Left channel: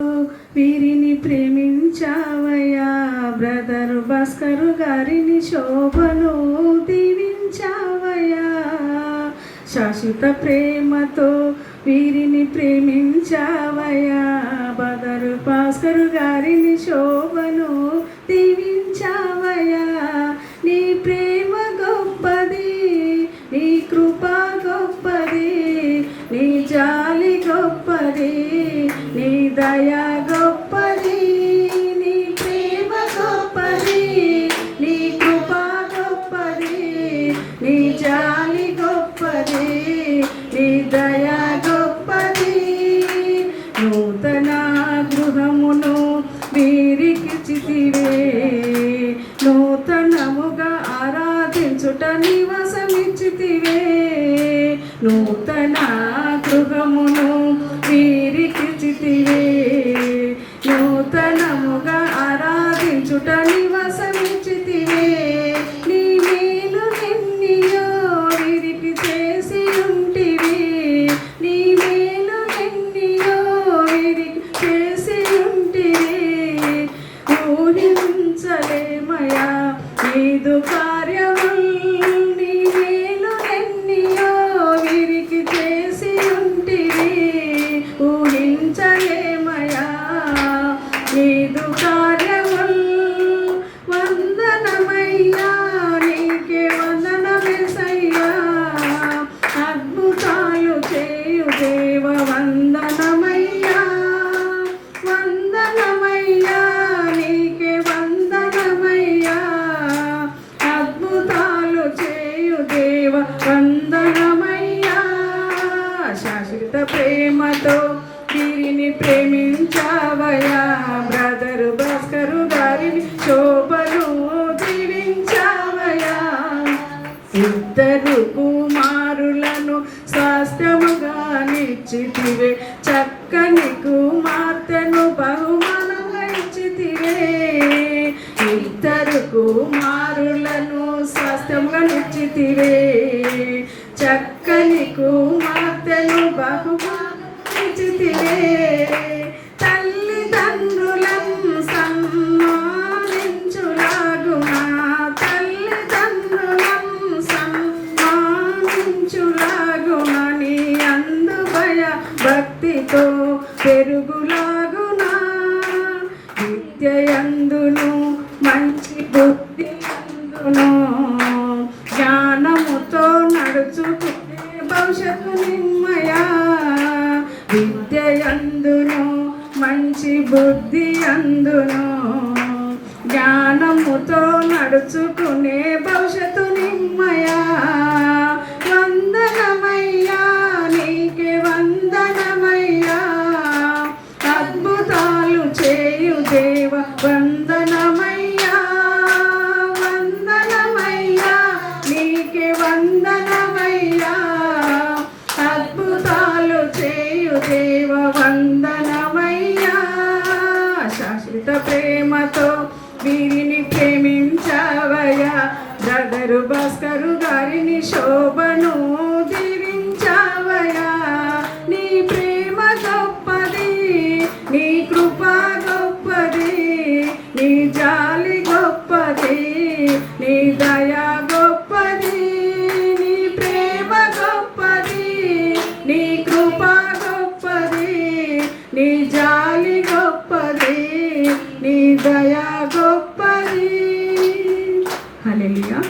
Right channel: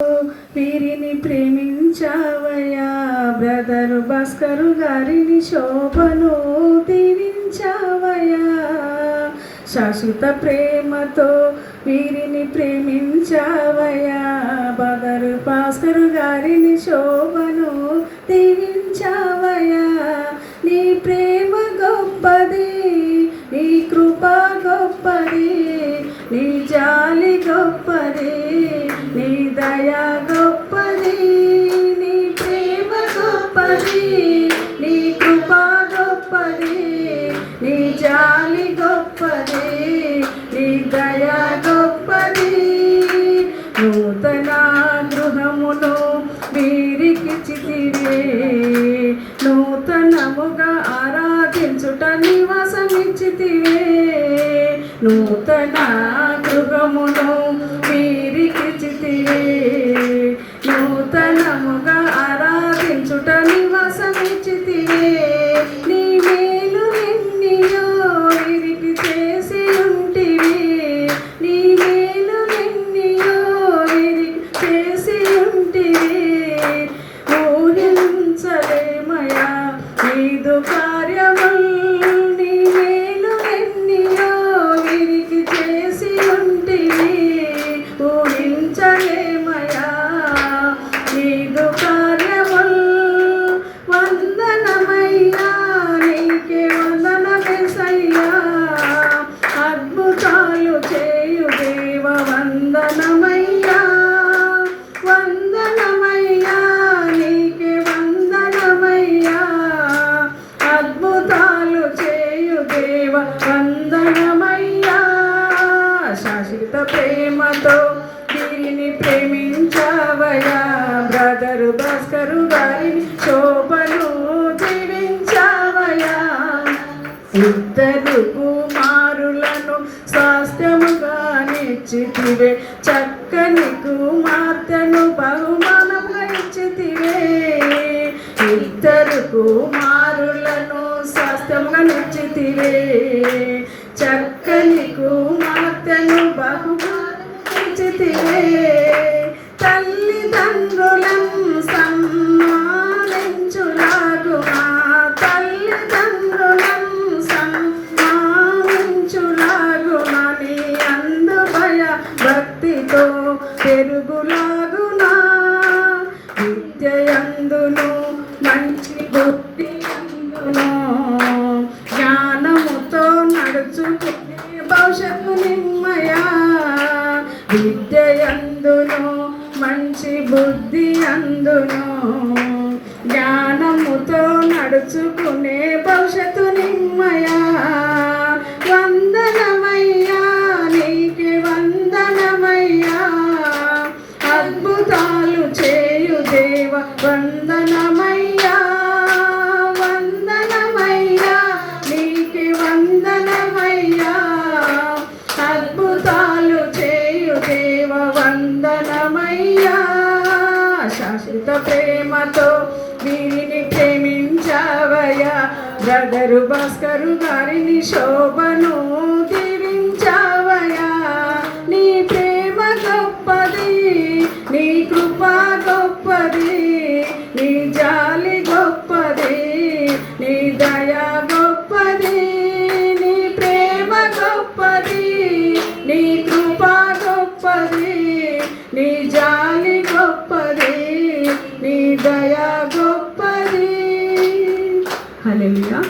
వీరిని ప్రేమించావయ్యా, బ్రదరు భాస్కరు గారిని శోభను దీవించావయ్యా. శాశ్వత ప్రేమతో వీరిని ప్రేమించావయ్యా, బ్రదరు భాస్కరు గారిని శోభను దీవించావయ్యా. నీ ప్రేమ గొప్పది, నీ కృప గొప్పది, నీ జాలి గొప్పది, నీ దయా గొప్పది. నీ ప్రేమ గొప్పది, నీ కృప గొప్పది, నీ జాలి గొప్పది, నీ దయా గొప్పది. నూతన గృహమును వీరికిచ్చితివే, నూతనముగా ఆరాధించుట నివాసమిచ్చితివే. నూతన గృహమును వీరికిచ్చితివే, నూతనముగా ఆరాధించుట నివాసమిచ్చితివే. నీ మేలు ఎన్నియో వీరికి చేసి ఉంటివి, నీ మేలు ఎన్నియో వీరికి చేసి ఉంటివి. ఊహించలేమయా నీదు కార్యముల్, నీ మేలు ఎన్నియో వీరికి చేసి ఉంటివి. ఊహించలేమయా నీదు కార్యముల్. వందనమయ్యా నీకే వందనమేసయ్యా, అద్భుతాలు చేయు దేవ వందనమయ్యా. వందనమయ్యా నీకే వందనమయ్యా, అద్భుతాలు చేయు దేవ వందనమయ్యా. శాశ్వత ప్రేమతో వీరిని ప్రేమించావయ్యా, బ్రదరు భాస్కరు గారిని శోభను దీవించావయ్యా. ఇద్దరు కుమారులను స్వాస్థ్యముగా నిచ్చితివే, చక్కని కుమార్తెను బహుమానంగా ఇచ్చితివే. ఇద్దరు కుమారులను స్వాస్థ్యముగా నిచ్చితివే, చక్కని కుమార్తెను బహుమానంగా ఇచ్చితివే. తల్లిదండ్రులను సన్మానించులాగునా, తల్లిదండ్రులను సన్మానించులాగునా, నీ అందు భయ భక్తితో పెరుగులాగునా. విద్యయందును మంచి బుద్ధి అందును, జ్ఞానముతో నడుచుకునే భవిష్యత్తు నిమ్మయా. విద్యయందును మంచి బుద్ధి అందును, జ్ఞానముతో నడుచుకునే భవిష్యత్తు నిమ్మయా. వందనమయ్యా నీకే వందనమయ్యా, అద్భుతాలు చేయు దేవ వందనమయ్యా. వందనమయ్యా నీకే వందనమయ్యా, అద్భుతాలు చేయు దేవ వందనమయ్యా. శాశ్వత ప్రేమతో వీరిని ప్రేమించావయ్యా, బ్రదరు భాస్కరు గారిని శోభను దీవించావయ్యా. నీ ప్రేమ గొప్పది, నీ కృప గొప్పది, నీ జాలి గొప్పది, నీ దయా గొప్పది. నీ ప్రేమ గొప్పది, నీ కృప గొప్పది, నీ జాలి గొప్పది, నీ దయా గొప్పది. హల్లెలూయా.